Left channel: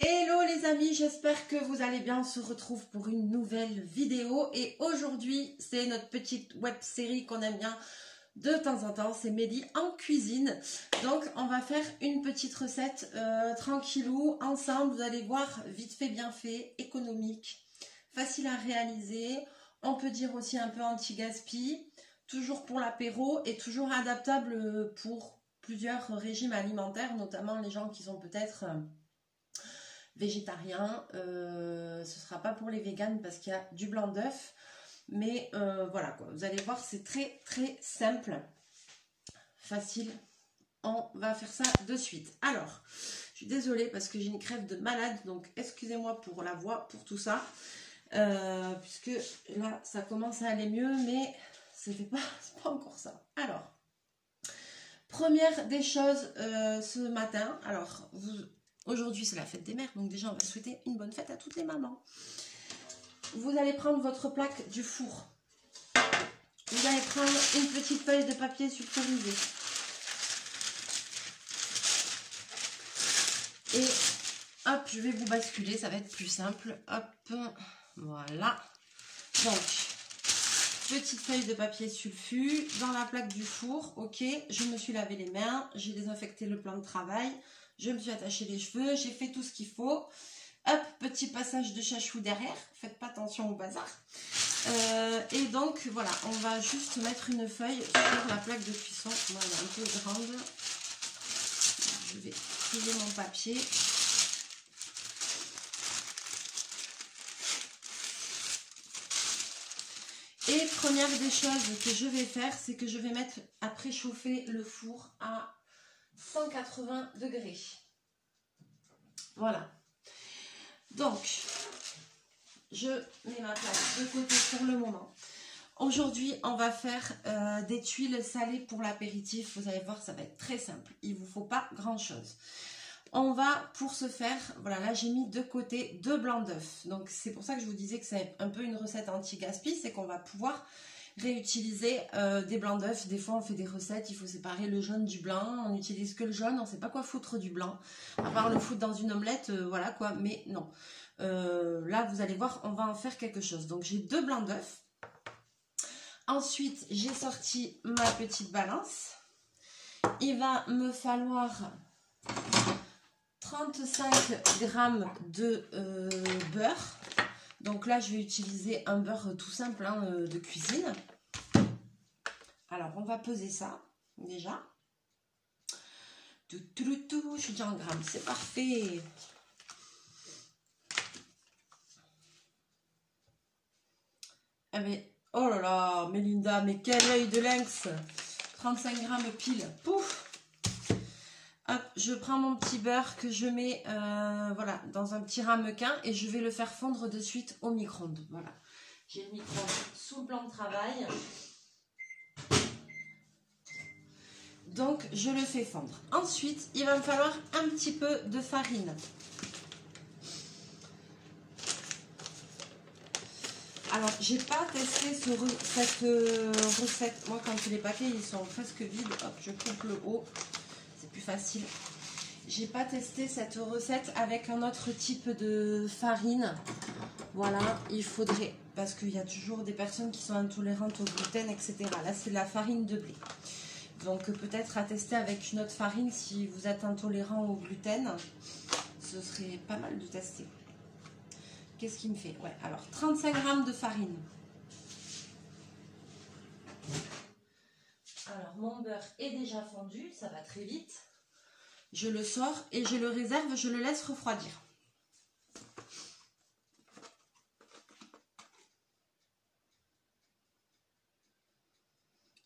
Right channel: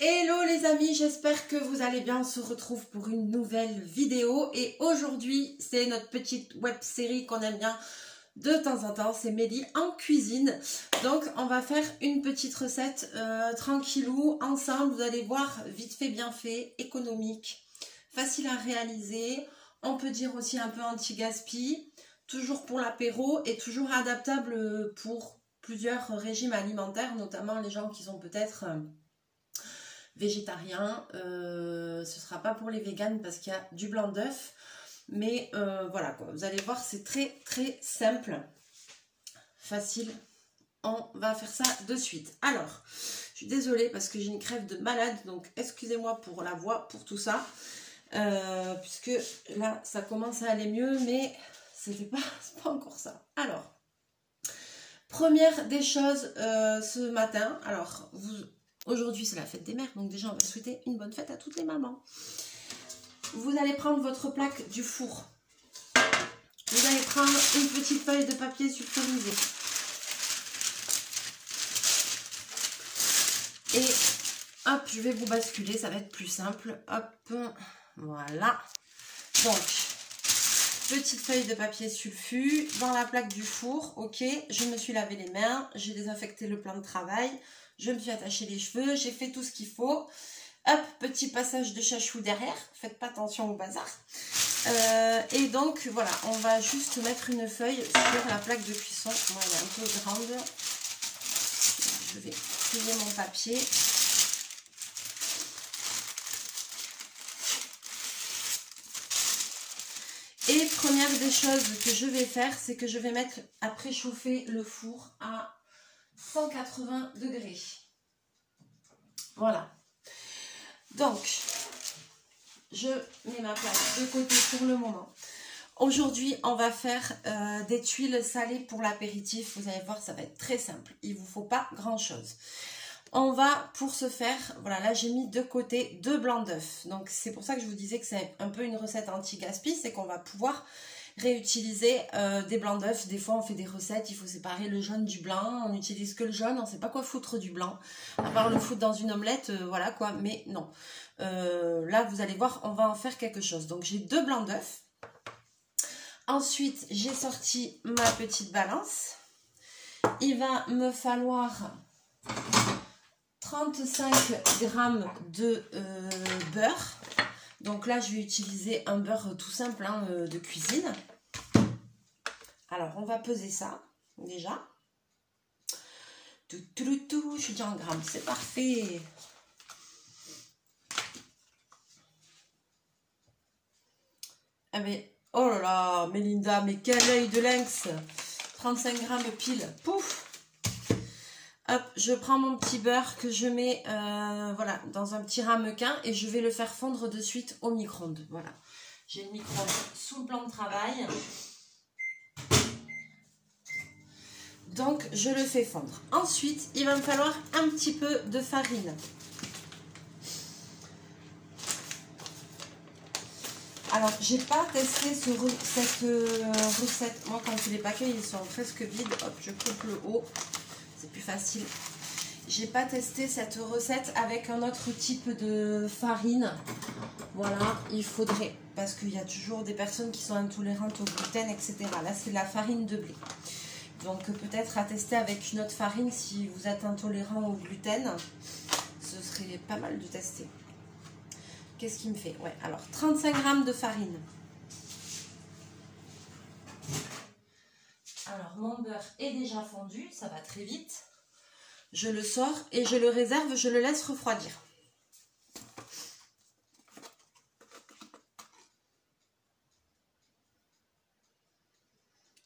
Hello les amis, j'espère que vous allez bien. On se retrouve pour une nouvelle vidéo et aujourd'hui c'est notre petite web série qu'on aime bien de temps en temps, c'est Mélie en cuisine. Donc on va faire une petite recette tranquillou ensemble, vous allez voir, vite fait bien fait, économique, facile à réaliser, on peut dire aussi un peu anti-gaspi, toujours pour l'apéro et toujours adaptable pour plusieurs régimes alimentaires, notamment les gens qui sont peut-être végétariens. Ce sera pas pour les véganes parce qu'il y a du blanc d'œuf. Mais voilà quoi, vous allez voir, c'est très très simple, facile. On va faire ça de suite. Alors, je suis désolée parce que j'ai une crève de malade, donc excusez-moi pour la voix, pour tout ça. Puisque là, ça commence à aller mieux, mais c'est pas encore ça. Alors, première des choses ce matin, alors aujourd'hui c'est la fête des mères, donc déjà on va souhaiter une bonne fête à toutes les mamans. Vous allez prendre votre plaque du four. Vous allez prendre une petite feuille de papier sulfurisé. Et hop, je vais vous basculer, ça va être plus simple. Hop, voilà. Donc, petite feuille de papier sulfu dans la plaque du four. Ok, je me suis lavé les mains, j'ai désinfecté le plan de travail, je me suis attaché les cheveux, j'ai fait tout ce qu'il faut. Hop, petit passage de chachou derrière, faites pas attention au bazar. Et donc voilà, on va juste mettre une feuille sur la plaque de cuisson. Moi, elle est un peu grande. Je vais plier mon papier. Et première des choses que je vais faire, c'est que je vais mettre à préchauffer le four à 180 degrés. Voilà. Donc, je mets ma plaque de côté pour le moment. Aujourd'hui, on va faire des tuiles salées pour l'apéritif. Vous allez voir, ça va être très simple. Il ne vous faut pas grand-chose. On va, pour ce faire, voilà, là j'ai mis de côté 2 blancs d'œufs. Donc, c'est pour ça que je vous disais que c'est un peu une recette anti-gaspi. C'est qu'on va pouvoir réutiliser des blancs d'œufs. Des fois, on fait des recettes, il faut séparer le jaune du blanc. On n'utilise que le jaune, on ne sait pas quoi foutre du blanc. À part le foutre dans une omelette, voilà quoi. Mais non. Là, vous allez voir, on va en faire quelque chose. Donc, j'ai 2 blancs d'œufs. Ensuite, j'ai sorti ma petite balance. Il va me falloir 35 g de beurre. Donc là, je vais utiliser un beurre tout simple hein, de cuisine. Alors, on va peser ça déjà. Je suis déjà en grammes, c'est parfait. Ah mais, oh là là, Mélinda, mais quel œil de lynx. 35 grammes pile, pouf. Hop, je prends mon petit beurre que je mets voilà, dans un petit ramequin et je vais le faire fondre de suite au micro-ondes. Voilà, j'ai le micro-ondes sous le plan de travail. Donc, je le fais fondre. Ensuite, il va me falloir un petit peu de farine. Alors, j'ai pas testé cette recette. Moi, quand les paquets ils sont presque vides, hop, je coupe le haut. C'est plus facile. J'ai pas testé cette recette avec un autre type de farine. Voilà, il faudrait. Parce qu'il y a toujours des personnes qui sont intolérantes au gluten, etc. Là, c'est de la farine de blé. Donc, peut-être à tester avec une autre farine si vous êtes intolérant au gluten. Ce serait pas mal de tester. Qu'est-ce qu'il me fait? Ouais, alors 35 g de farine. Alors, mon beurre est déjà fondu, ça va très vite. Je le sors et je le réserve, je le laisse refroidir.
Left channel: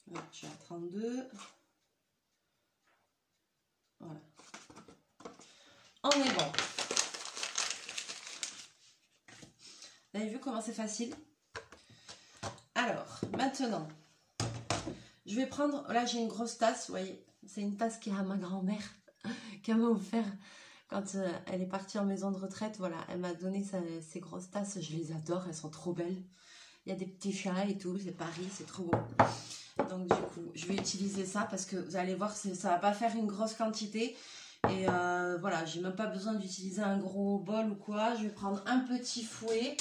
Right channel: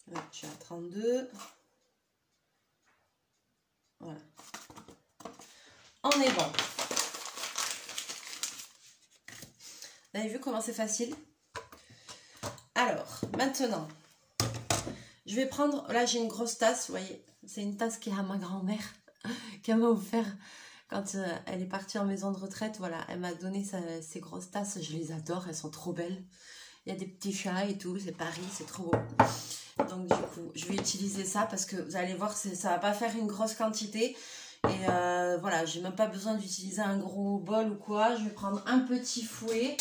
Là, je suis à 32. Voilà. On est bon. Vous avez vu comment c'est facile? Alors, maintenant, je vais prendre, là j'ai une grosse tasse, vous voyez, c'est une tasse qui est à ma grand-mère, qu'elle m'a offert quand elle est partie en maison de retraite. Voilà, elle m'a donné ces grosses tasses, je les adore, elles sont trop belles. Il y a des petits chats et tout, c'est Paris, c'est trop beau. Donc du coup, je vais utiliser ça parce que vous allez voir, ça va pas faire une grosse quantité. Et voilà, j'ai même pas besoin d'utiliser un gros bol ou quoi. Je vais prendre un petit fouet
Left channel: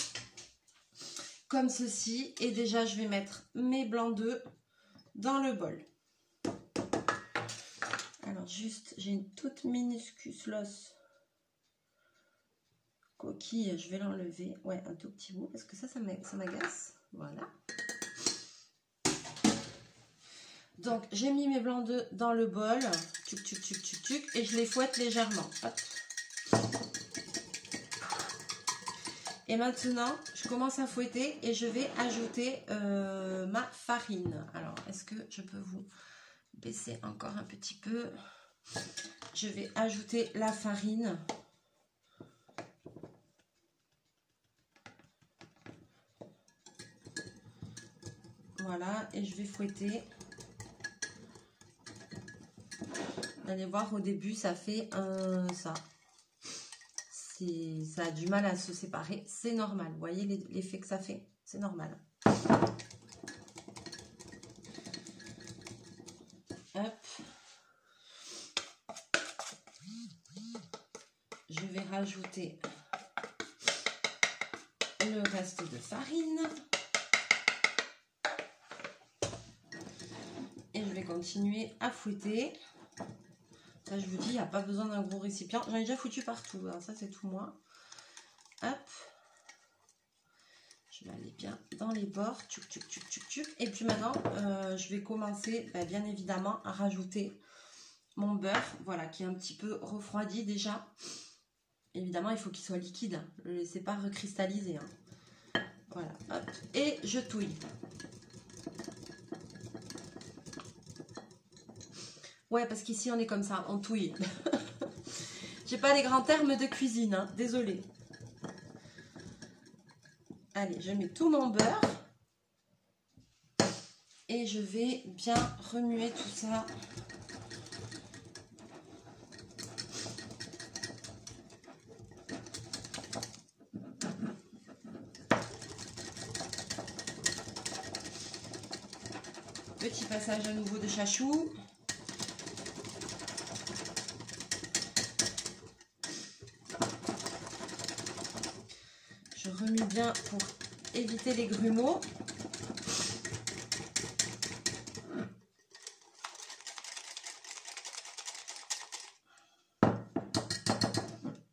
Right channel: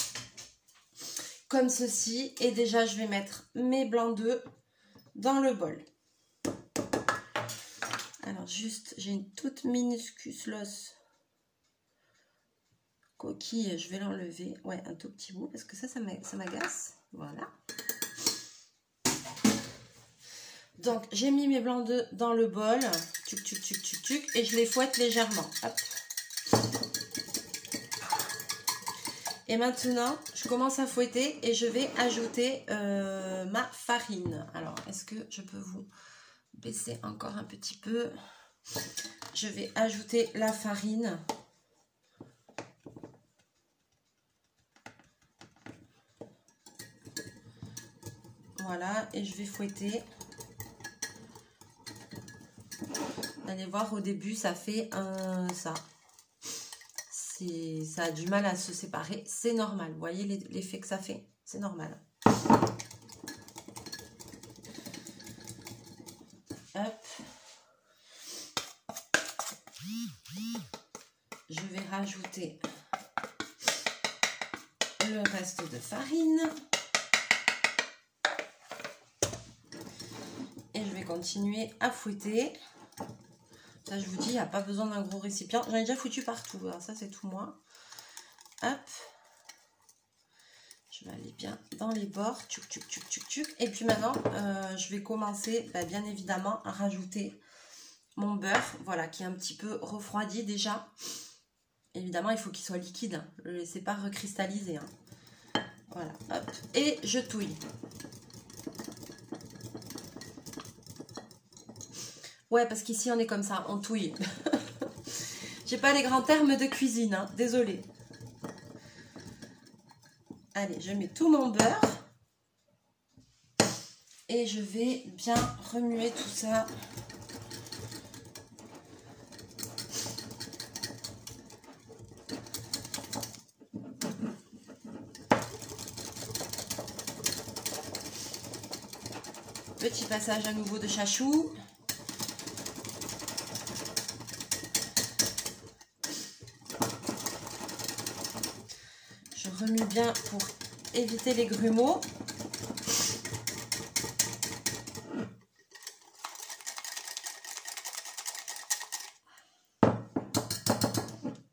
comme ceci. Et déjà, je vais mettre mes blancs d'œufs dans le bol. Alors juste, j'ai une toute minuscule coquille, je vais l'enlever. Ouais, un tout petit bout parce que ça m'agace. Voilà. Donc, j'ai mis mes blancs d'œufs dans le bol. Tuc, tuc, tuc, tuc, tuc, et je les fouette légèrement. Hop. Et maintenant, je commence à fouetter et je vais ajouter ma farine. Alors, est-ce que je peux vous baisser encore un petit peu? Je vais ajouter la farine. Voilà, et je vais fouetter. Vous allez voir, au début, ça fait ça. Ça a du mal à se séparer. C'est normal. Vous voyez l'effet que ça fait? C'est normal. Hop. Je vais rajouter le reste de farine. Et je vais continuer à fouetter. Ça, je vous dis, il n'y a pas besoin d'un gros récipient. J'en ai déjà foutu partout. Alors ça, c'est tout moi. Hop. Je vais aller bien dans les bords. Tchuc, tchuc, tchuc, tchuc, tchuc. Et puis maintenant, je vais commencer, bien évidemment, à rajouter mon beurre. Voilà, qui est un petit peu refroidi déjà. Évidemment, il faut qu'il soit liquide. Hein. Ne le laissez pas recristalliser. Hein. Voilà. Hop. Et je touille. Ouais, parce qu'ici, on est comme ça, on touille. J'ai pas les grands termes de cuisine, hein, désolée. Allez, je mets tout mon beurre. Et je vais bien remuer tout ça. Petit passage à nouveau de chachou. Remue bien pour éviter les grumeaux.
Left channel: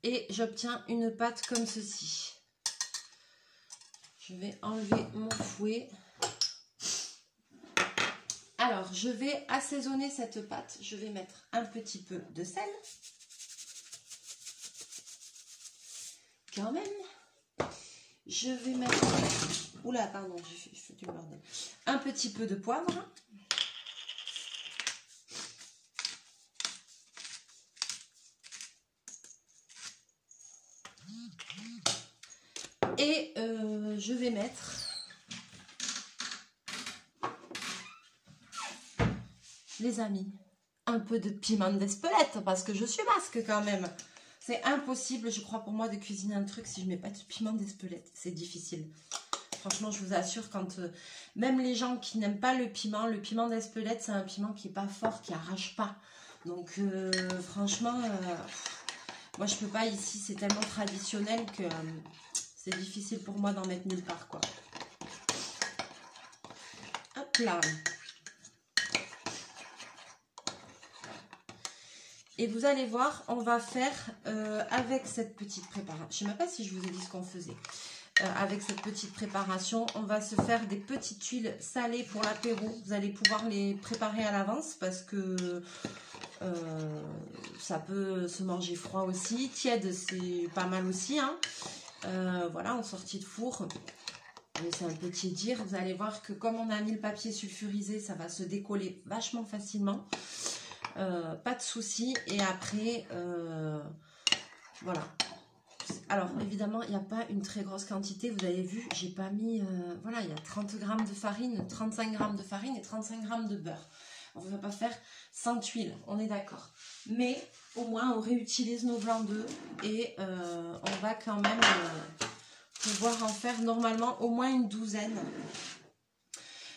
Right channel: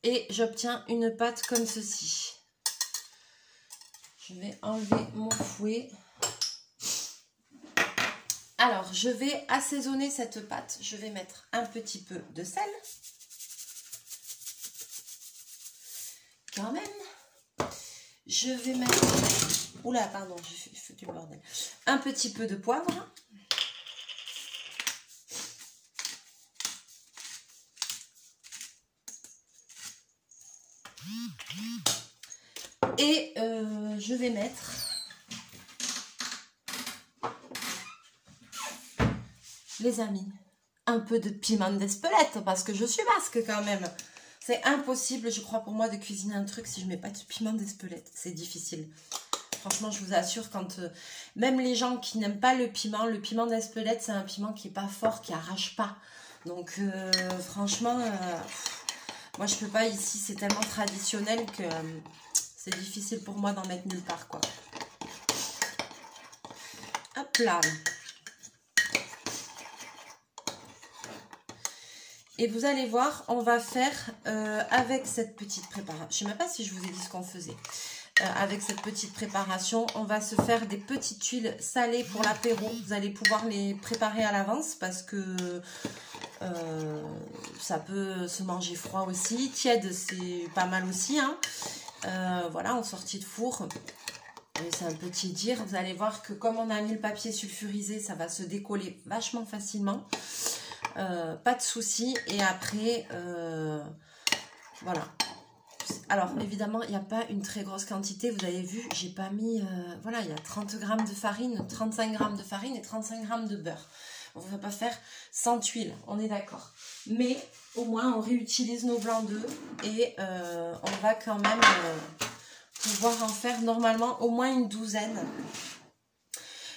Et j'obtiens une pâte comme ceci. Je vais enlever mon fouet. Alors, je vais assaisonner cette pâte. Je vais mettre un petit peu de sel. Quand même. Je vais mettre... Oula, pardon, j'ai fait du bordel. Un petit peu de poivre. Et je vais mettre... Les amis, un peu de piment d'Espelette, parce que je suis basque quand même. C'est impossible, je crois, pour moi de cuisiner un truc si je ne mets pas de piment d'Espelette. C'est difficile. Franchement, je vous assure, quand même les gens qui n'aiment pas le piment d'Espelette, c'est un piment qui n'est pas fort, qui arrache pas. Donc, franchement, moi, je peux pas ici. C'est tellement traditionnel que c'est difficile pour moi d'en mettre nulle part, quoi. Hop là. Et vous allez voir, on va faire avec cette petite préparation. Je ne sais même pas si je vous ai dit ce qu'on faisait. Avec cette petite préparation, on va se faire des petites tuiles salées pour l'apéro. Vous allez pouvoir les préparer à l'avance parce que ça peut se manger froid aussi. Tiède, c'est pas mal aussi. Hein. Voilà, en sortie de four. C'est un peu tiédir. Vous allez voir que comme on a mis le papier sulfurisé, ça va se décoller vachement facilement. Pas de souci. Et après, voilà. Alors, évidemment, il n'y a pas une très grosse quantité. Vous avez vu, j'ai pas mis... voilà, il y a 30 g de farine, 35 g de farine et 35 g de beurre. On ne va pas faire 100 tuiles, on est d'accord. Mais, au moins, on réutilise nos blancs d'œufs et on va quand même pouvoir en faire normalement au moins une douzaine.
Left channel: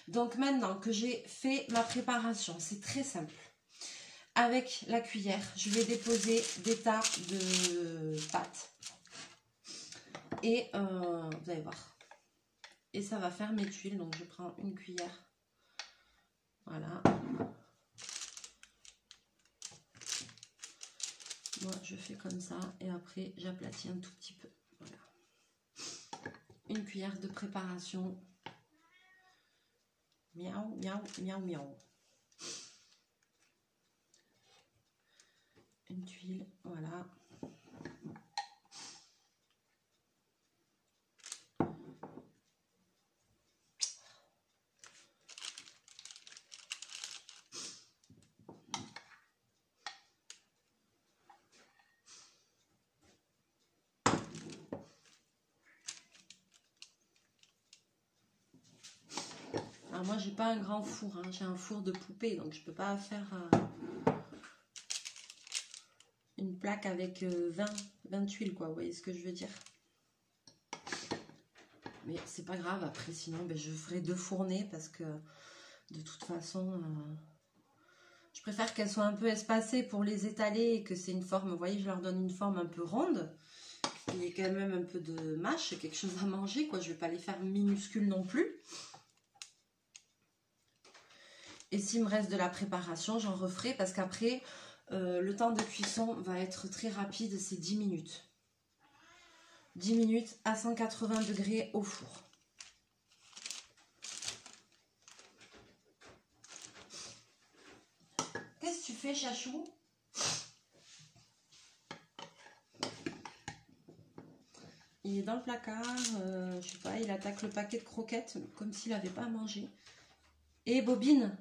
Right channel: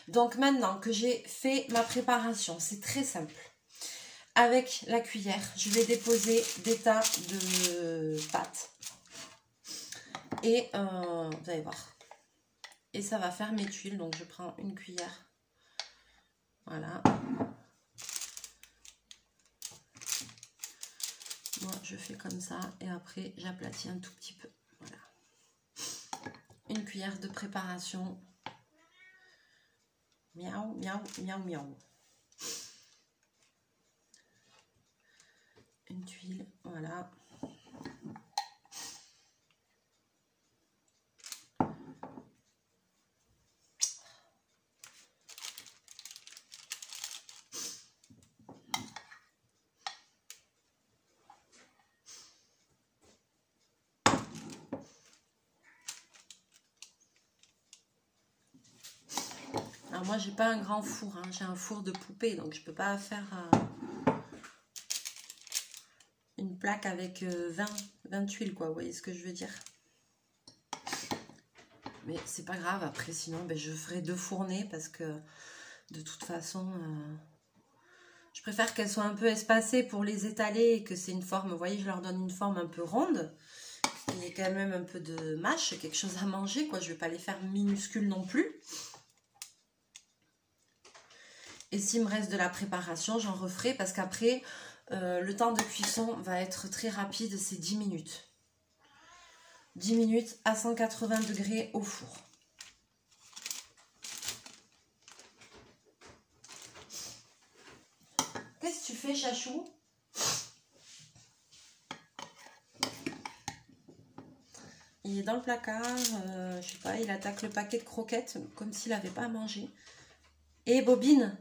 Donc, maintenant que j'ai fait ma préparation, c'est très simple. avec la cuillère, je vais déposer des tas de pâtes. Et vous allez voir. Et ça va faire mes tuiles. Donc je prends une cuillère. Voilà. Moi je fais comme ça. Et après j'aplatis un tout petit peu. Voilà. Une cuillère de préparation. Miaou, miaou, miaou, miaou. Une tuile, voilà. Alors moi j'ai pas un grand four, hein. J'ai un four de poupée, donc je peux pas faire une plaque avec 20 tuiles, quoi, vous voyez ce que je veux dire. Mais c'est pas grave, après sinon ben, je ferai 2 fournées parce que de toute façon je préfère qu'elles soient un peu espacées pour les étaler et que c'est une forme, vous voyez, je leur donne une forme un peu ronde. Il y a quand même un peu de mâche, quelque chose à manger, quoi. Je vais pas les faire minuscules non plus. Et s'il me reste de la préparation, j'en referai parce qu'après, le temps de cuisson va être très rapide, c'est 10 minutes. 10 minutes à 180 degrés au four. Qu'est-ce que tu fais, Chachou? Il est dans le placard, je sais pas, il attaque le paquet de croquettes comme s'il n'avait pas à manger. Et Bobine,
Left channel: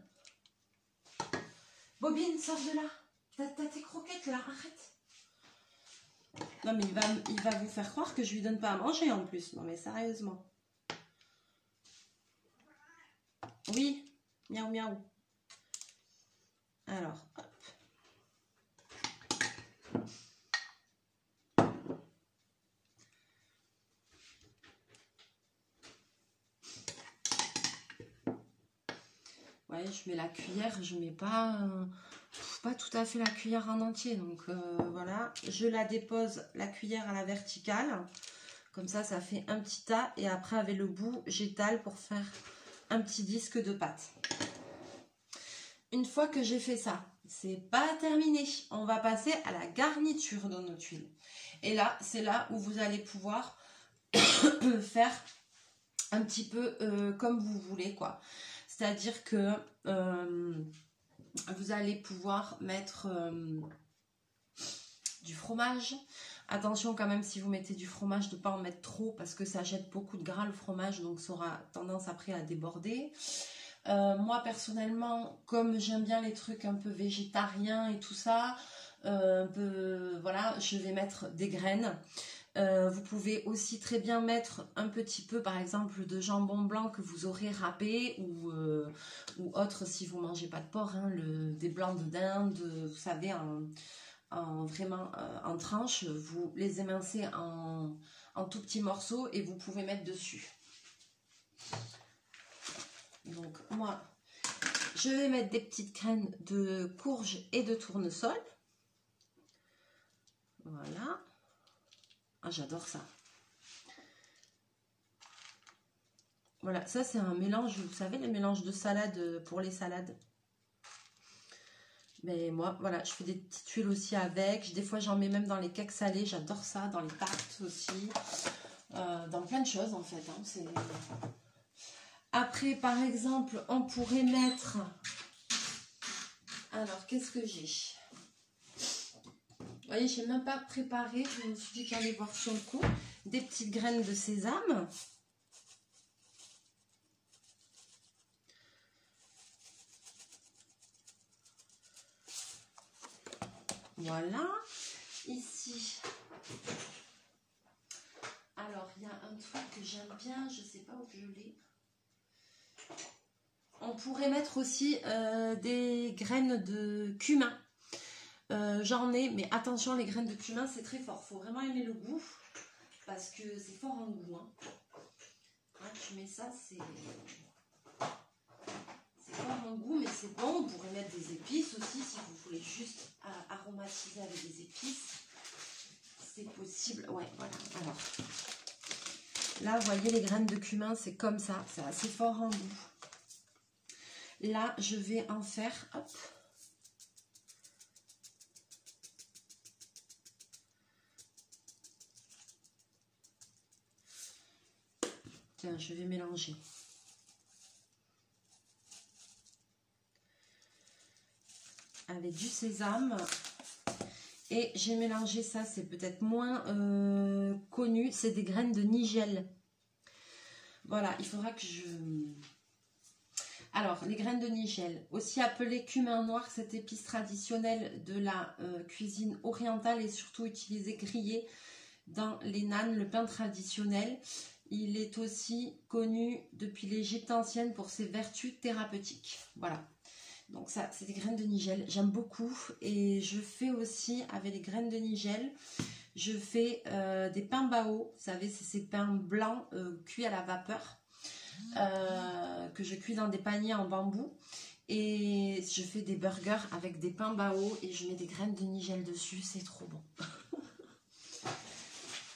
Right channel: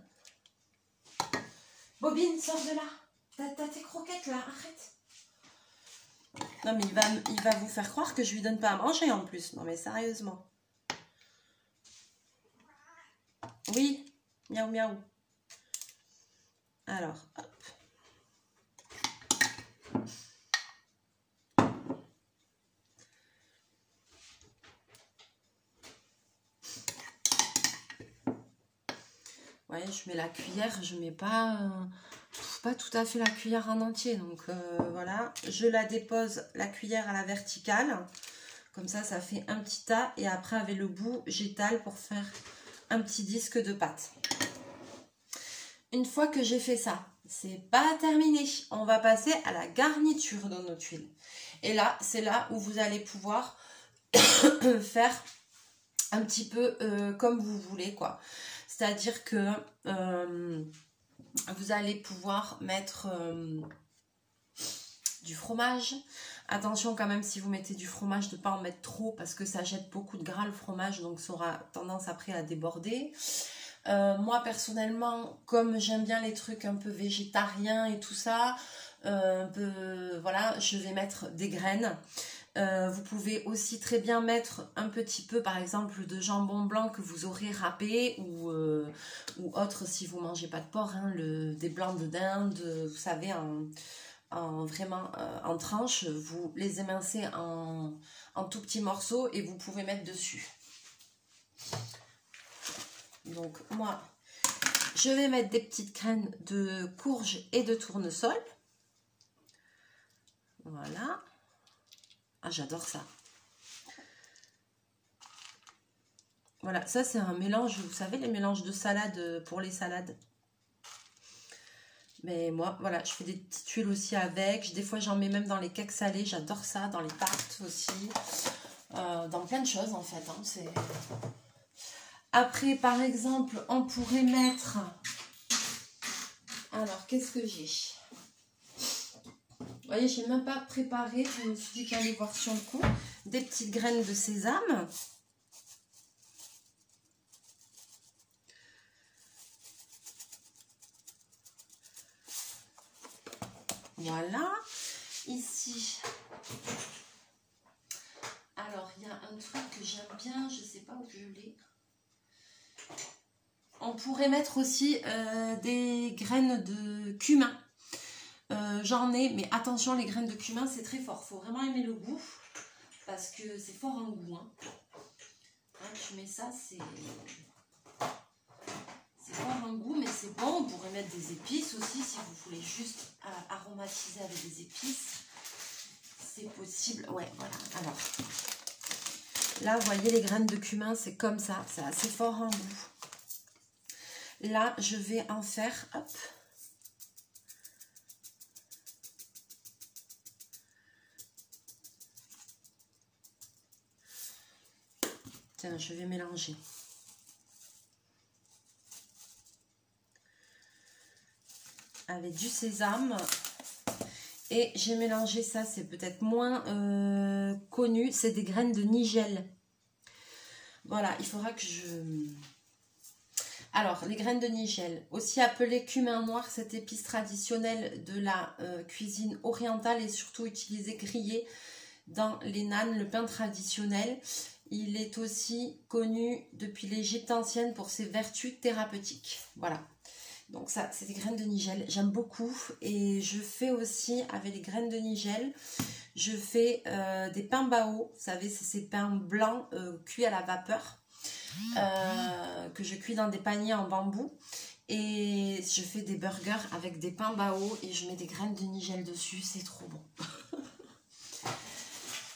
Bobine, sors de là. T'as tes croquettes là, arrête. Non mais il va vous faire croire que je lui donne pas à manger en plus. Non mais sérieusement. Oui, miaou miaou. Alors, hop. Ouais, je mets la cuillère, je mets pas tout à fait la cuillère en entier. Donc voilà, je la dépose la cuillère à la verticale. Comme ça, ça fait un petit tas. Et après, avec le bout, j'étale pour faire un petit disque de pâte. Une fois que j'ai fait ça, c'est pas terminé. On va passer à la garniture de nos tuiles. Et là, c'est là où vous allez pouvoir faire un petit peu comme vous voulez, quoi. C'est-à-dire que vous allez pouvoir mettre du fromage. Attention quand même, si vous mettez du fromage, de ne pas en mettre trop parce que ça jette beaucoup de gras le fromage, donc ça aura tendance après à déborder. Moi personnellement, comme j'aime bien les trucs un peu végétariens et tout ça, voilà, je vais mettre des graines. Vous pouvez aussi très bien mettre un petit peu par exemple de jambon blanc que vous aurez râpé ou autre si vous ne mangez pas de porc, hein, des blancs de dinde, vous savez, vraiment en tranches, vous les émincez en tout petits morceaux et vous pouvez mettre dessus. Donc moi je vais mettre des petites graines de courge et de tournesol. Voilà. Ah, j'adore ça. Voilà, ça c'est un mélange, vous savez, les mélanges de salade pour les salades. Mais moi, voilà, je fais des petites tuiles aussi avec. Des fois, j'en mets même dans les cakes salés. J'adore ça, dans les tartes aussi. Dans plein de choses, en fait. Hein, après, par exemple, on pourrait mettre... Alors, qu'est-ce que j'ai? Vous voyez, je n'ai même pas préparé. Je me suis dit qu'il allait voir sur le coup. Des petites graines de sésame. Voilà. Ici. Alors, il y a un truc que j'aime bien. Je ne sais pas où je l'ai. On pourrait mettre aussi des graines de cumin. J'en ai, mais attention, les graines de cumin, c'est très fort. Il faut vraiment aimer le goût, parce que c'est fort en goût. Hein. Hein, tu mets ça, c'est fort en goût, mais c'est bon. Vous pourrez mettre des épices aussi si vous voulez juste aromatiser avec des épices. C'est possible. Ouais, voilà. Alors, là, vous voyez les graines de cumin, c'est comme ça. C'est assez fort en goût. Là, je vais en faire, hop. Tiens, je vais mélanger. Avec du sésame. Et j'ai mélangé ça, c'est peut-être moins connu. C'est des graines de nigel. Voilà, il faudra que je... Alors, les graines de nigel, aussi appelées cumin noir, cette épice traditionnelle de la cuisine orientale et surtout utilisée grillée dans les nanes, le pain traditionnel. Il est aussi connu depuis l'Égypte ancienne pour ses vertus thérapeutiques. Voilà. Donc ça, c'est des graines de nigel. J'aime beaucoup. Et je fais aussi, avec les graines de nigel, je fais des pains bao. Vous savez, c'est ces pains blancs cuits à la vapeur. Que je cuis dans des paniers en bambou. Et je fais des burgers avec des pains bao. Et je mets des graines de nigel dessus. C'est trop bon.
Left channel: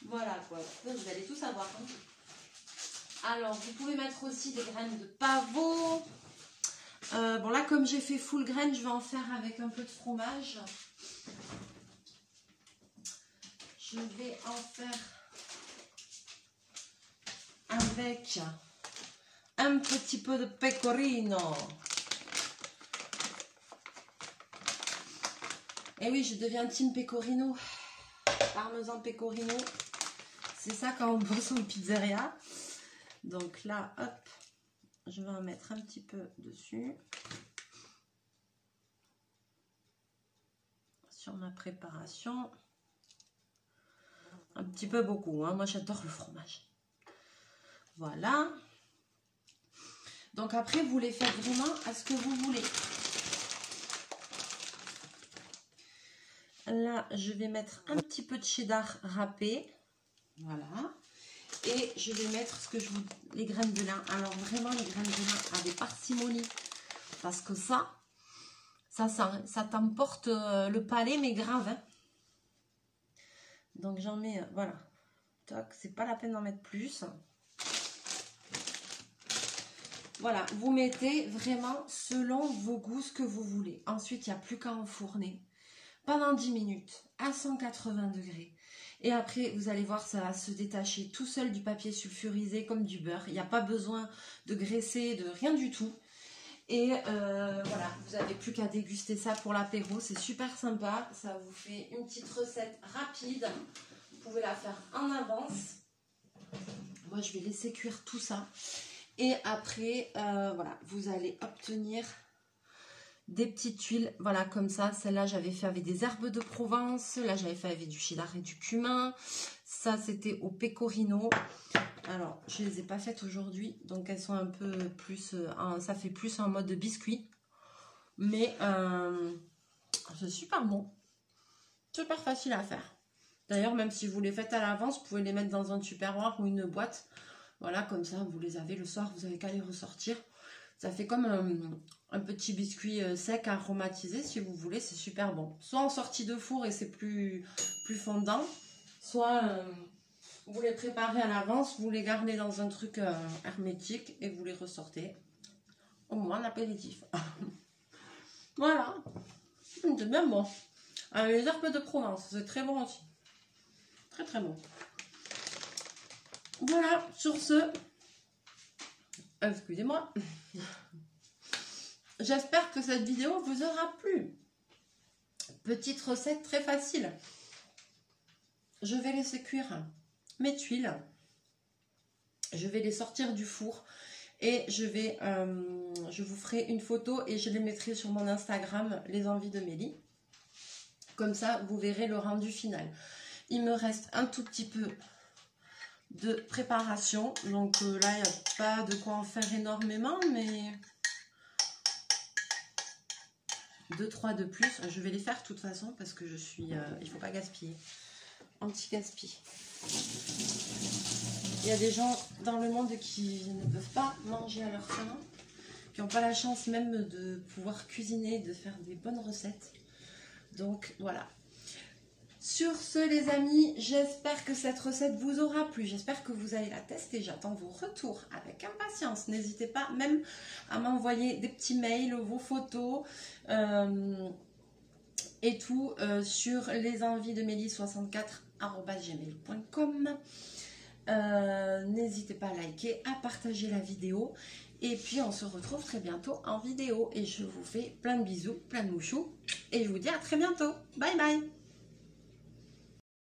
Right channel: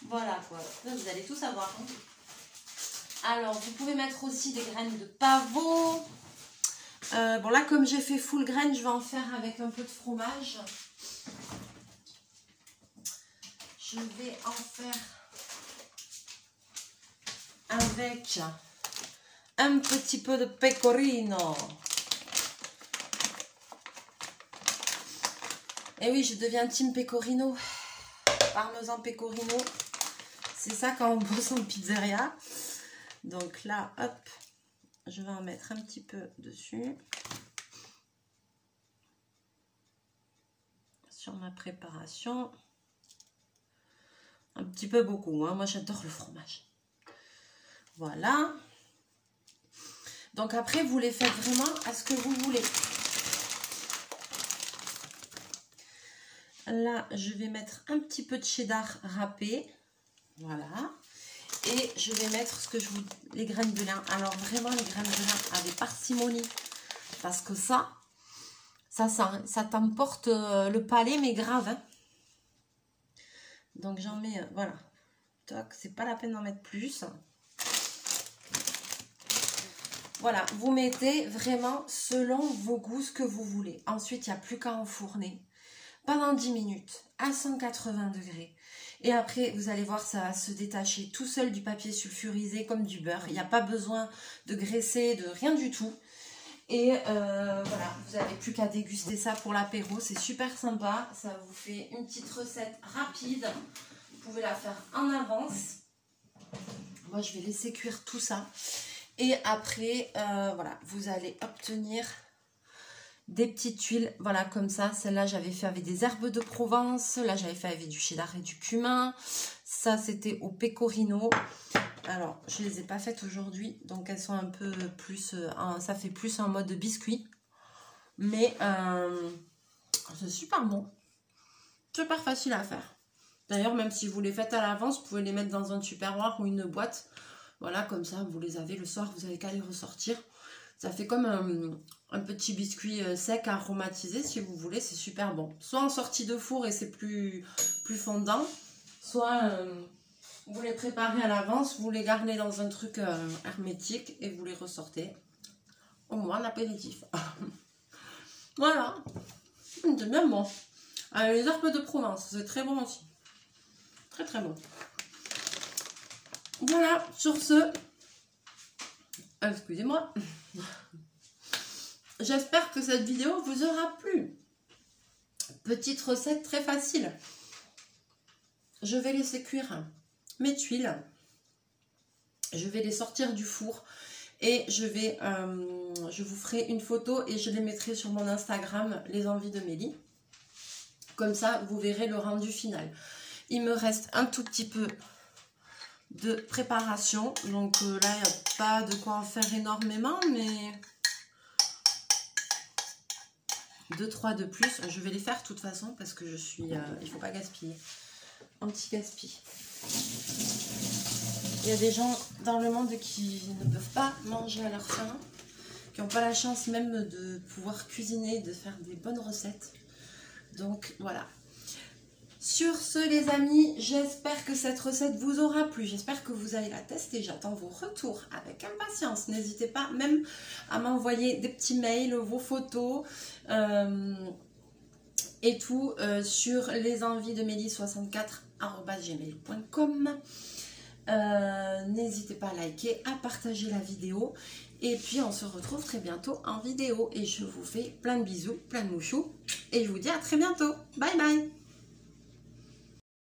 Voilà quoi. Vous allez tout savoir. Hein. Alors, vous pouvez mettre aussi des graines de pavot. Bon là, comme j'ai fait full graines, je vais en faire avec un peu de fromage. Je vais en faire avec un petit peu de pecorino. Et oui, je deviens team pecorino. Parmesan pecorino. C'est ça quand on bosse en pizzeria. Donc là, hop. Je vais en mettre un petit peu dessus. Sur ma préparation. Un petit peu beaucoup. Hein. Moi, j'adore le fromage. Voilà. Donc après, vous les faites vraiment à ce que vous voulez. Là, je vais mettre un petit peu de cheddar râpé. Voilà. Et je vais mettre ce que je vous... les graines de lin. Alors vraiment les graines de lin avec parcimonie. Parce que ça t'emporte le palais, mais grave. Hein. Donc j'en mets, voilà. C'est pas la peine d'en mettre plus. Voilà, vous mettez vraiment selon vos goûts ce que vous voulez. Ensuite, il n'y a plus qu'à enfourner pendant 10 minutes à 180 degrés. Et après, vous allez voir, ça va se détacher tout seul du papier sulfurisé comme du beurre. Il n'y a pas besoin de graisser, de rien du tout. Et voilà, vous n'avez plus qu'à déguster ça pour l'apéro. C'est super sympa. Ça vous fait une petite recette rapide. Vous pouvez la faire en avance. Moi, je vais laisser cuire tout ça. Et après, voilà, vous allez obtenir des petites tuiles, voilà, comme ça. Celle-là, j'avais fait avec des herbes de Provence. Là, j'avais fait avec du cheddar et du cumin. Ça, c'était au pecorino. Alors, je ne les ai pas faites aujourd'hui. Donc, elles sont un peu plus... ça fait plus en mode biscuit. Mais c'est super bon. Super facile à faire. D'ailleurs, même si vous les faites à l'avance, vous pouvez les mettre dans un tupperware ou une boîte. Voilà, comme ça, vous les avez le soir. Vous n'avez qu'à les ressortir. Ça fait comme un petit biscuit sec aromatisé, si vous voulez, c'est super bon. Soit en sortie de four et c'est plus fondant, soit vous les préparez à l'avance, vous les gardez dans un truc hermétique et vous les ressortez. Au moins l'apéritif. Voilà, c'est bien bon. Avec les herbes de Provence, c'est très bon aussi. Très très bon. Voilà, sur ce, excusez-moi. J'espère que cette vidéo vous aura plu. Petite recette très facile. Je vais laisser cuire mes tuiles. Je vais les sortir du four. Et je vous ferai une photo et je les mettrai sur mon Instagram, les envies de Mélie. Comme ça, vous verrez le rendu final. Il me reste un tout petit peu de préparation. Donc là, il n'y a pas de quoi en faire énormément, mais... 2-3 de plus, je vais les faire de toute façon parce que je suis, il faut pas gaspiller, anti-gaspi. Il y a des gens dans le monde qui ne peuvent pas manger à leur faim qui n'ont pas la chance même de pouvoir cuisiner, de faire des bonnes recettes. Donc voilà. Sur ce les amis, j'espère que cette recette vous aura plu, j'espère que vous allez la tester, j'attends vos retours avec impatience. N'hésitez pas même à m'envoyer des petits mails, vos photos et tout sur lesenviesdemélie64@gmail.com. N'hésitez pas à liker, à partager la vidéo et puis on se retrouve très bientôt en vidéo et je vous fais plein de bisous, plein de mouchous et je vous dis à très bientôt. Bye bye.